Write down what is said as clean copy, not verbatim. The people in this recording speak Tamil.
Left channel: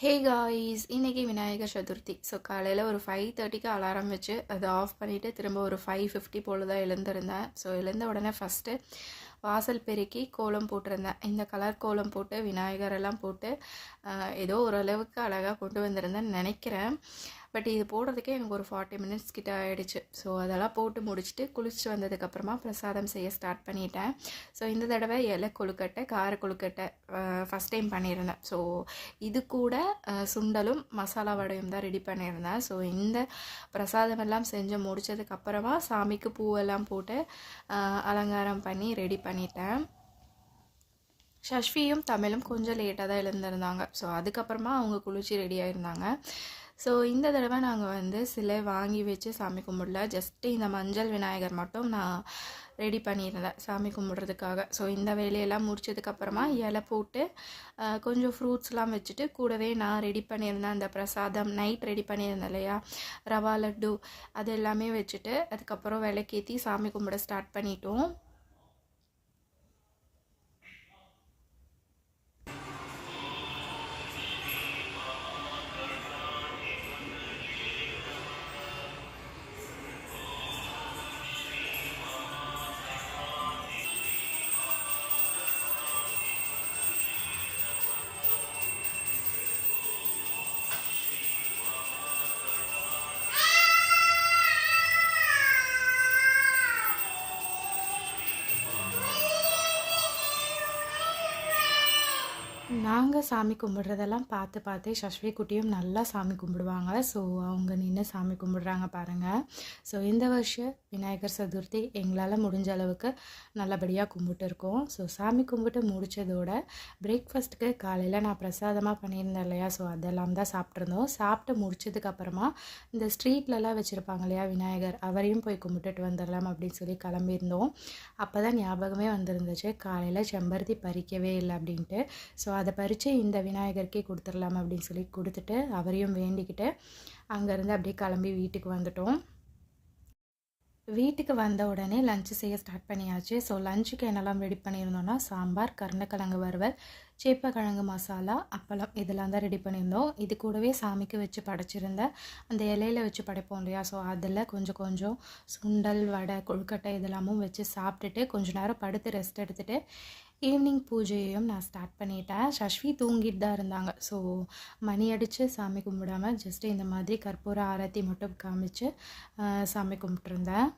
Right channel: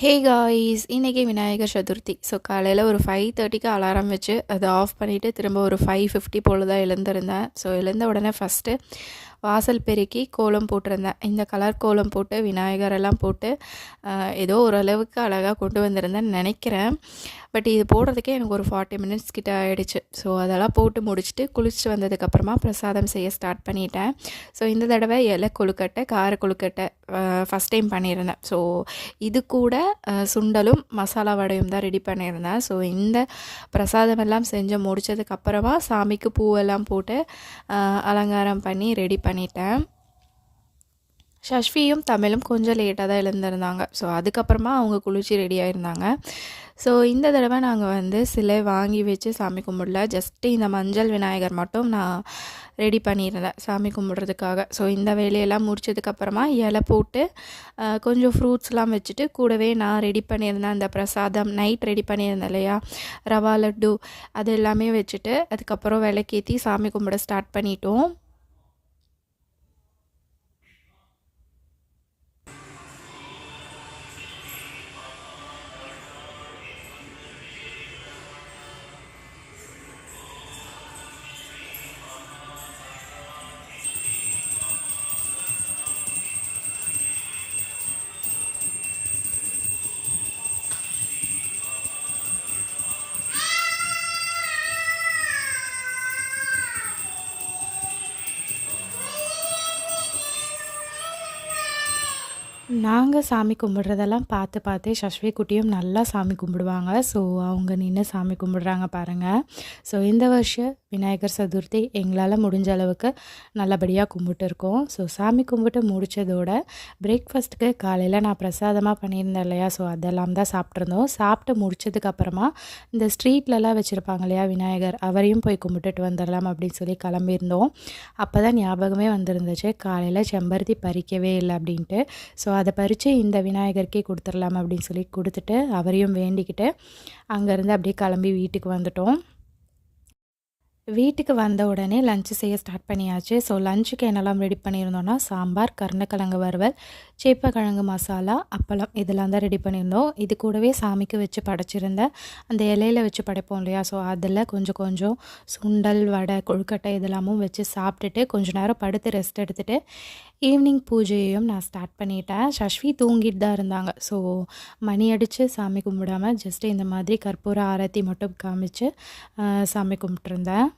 ஹே காய்ஸ், இன்னைக்கு விநாயகர் சதுர்த்தி. ஸோ காலையில் ஒரு 5:30க்கு அலாரம் வச்சு அதை ஆஃப் பண்ணிவிட்டு திரும்ப ஒரு 5:50 போல் தான் எழுந்திருந்தேன். ஸோ எழுந்த உடனே ஃபஸ்ட்டு வாசல் பெருக்கி கோலம் போட்டிருந்தேன். இந்த கலர் கோலம் போட்டு விநாயகரெல்லாம் போட்டு ஏதோ ஓரளவுக்கு அழகாக கொண்டு வந்திருந்தேன்னு நினைக்கிறேன். பட் இது போடுறதுக்கே எனக்கு ஒரு 40 மினிட்ஸ் கிட்ட ஆகிடுச்சு. ஸோ அதெல்லாம் போட்டு முடிச்சுட்டு குளிச்சுட்டு வந்ததுக்கப்புறமா பிரசாதம் செய்ய ஸ்டார்ட் பண்ணிட்டேன். ஸோ இந்த தடவை இலை கொழுக்கட்டை, கார கொழுக்கட்டை ஃபஸ்ட் டைம் பண்ணியிருந்தேன். ஸோ இது கூட சுண்டலும் மசாலா வடையும் தான் ரெடி பண்ணியிருந்தேன். ஸோ இந்த பிரசாதமெல்லாம் செஞ்சு முடித்ததுக்கப்புறமா சாமிக்கு பூவெல்லாம் போட்டு அலங்காரம் பண்ணி ரெடி பண்ணிட்டேன். ஷஷ்வியும் தமிழும் கொஞ்சம் லேட்டாக தான் எழுந்திருந்தாங்க. ஸோ அதுக்கப்புறமா அவங்க குளிச்சு ரெடி ஆகிருந்தாங்க. ஸோ இந்த தடவை நாங்கள் சிலை வாங்கி வச்சு சாமி கும்பிடல. ஜஸ்ட்டு இந்த மஞ்சள் விநாயகர் மட்டும் நான் ரெடி பண்ணியிருந்தேன் சாமி கும்பிட்றதுக்காக. ஸோ இந்த வேலையெல்லாம் முடிச்சதுக்கப்புறமா இலை போட்டு கொஞ்சம் ஃப்ரூட்ஸ்லாம் வச்சுட்டு கூடவே நான் ரெடி பண்ணியிருந்தேன் அந்த பிரசாதம் நைட் ரெடி பண்ணியிருந்தேன் இல்லையா, ரவா லட்டு, அது எல்லாமே வச்சுட்டு அதுக்கப்புறம் விளக்கேற்றி சாமி கும்பிட ஸ்டார்ட் பண்ணிட்டோம். நாங்கள் சாமி கும்பிட்றதெல்லாம் பார்த்து பார்த்து சஷ்வி குட்டியும் நல்லா சாமி கும்பிடுவாங்க. ஸோ அவங்க நின்று சாமி கும்பிட்றாங்க பாருங்கள். ஸோ இந்த வருஷம் விநாயகர் சதுர்த்தி எங்களால் முடிஞ்ச அளவுக்கு நல்லபடியாக கும்பிட்டுருக்கோம். ஸோ சாமி கும்பிட்டு முடித்ததோட பிரேக்ஃபாஸ்ட்டுக்கு காலையில் நான் பிரசாதமாக பண்ணியிருந்தேன் இல்லையா, ஸோ அதெல்லாம் தான் சாப்பிட்ருந்தோம். சாப்பிட்டு முடிச்சதுக்கப்புறமா இந்த ஸ்ட்ரீட்லலாம் வச்சுருப்பாங்க இல்லையா விநாயகர், அவரையும் போய் கும்பிட்டுட்டு வந்துடலாம் அப்படின்னு சொல்லி கிளம்பியிருந்தோம். அப்போ தான் ஞாபகமே வந்துருந்துச்சு காலையில் செம்பருத்தி பறிக்கவே இல்லை அப்படின்ட்டு. ஸோ அதை பறித்து இந்த விநாயகருக்கே கொடுத்துடலாம் அப்படின்னு சொல்லி கொடுத்துட்டு அவரையும் வேண்டிக்கிட்டு அங்கேருந்து அப்படியே கிளம்பி வீட்டுக்கு வந்துட்டோம். வீட்டுக்கு வந்த உடனே லஞ்சு செய்ய ஸ்டார்ட் பண்ணியாச்சு. ஸோ லஞ்சுக்கு என்னெல்லாம் ரெடி பண்ணியிருந்தோன்னா சாம்பார், கருணக்கிழங்கு வறுவல், சேப்பக்கிழங்கு மசாலா, அப்பளம் இதெல்லாம் தான் ரெடி பண்ணியிருந்தோம். இது கூடவே சாமிக்கு வச்சு படைச்சிருந்தேன் அந்த இலையில் வச்சு படைப்போம் இல்லையா, ஸோ அதில் கொஞ்சம் கொஞ்சம் சுண்டல், வடை, கொழுக்கட்டை இதெல்லாமும் வச்சு சாப்பிட்டுட்டு கொஞ்சம் நேரம் படுத்து ரெஸ்ட் எடுத்துகிட்டு ஈவினிங் பூஜையையும் நான் ஸ்டார்ட் பண்ணிட்டேன். சஷ்வி தூங்கிட்டு தான் இருந்தாங்க. ஸோ மணி அடித்து சாமி கும்பிடாமல் ஜஸ்ட்டு இந்த மாதிரி கற்பூர ஆரத்தி மட்டும் காமிச்சு சாமி கும்பிட்ருந்தேன்.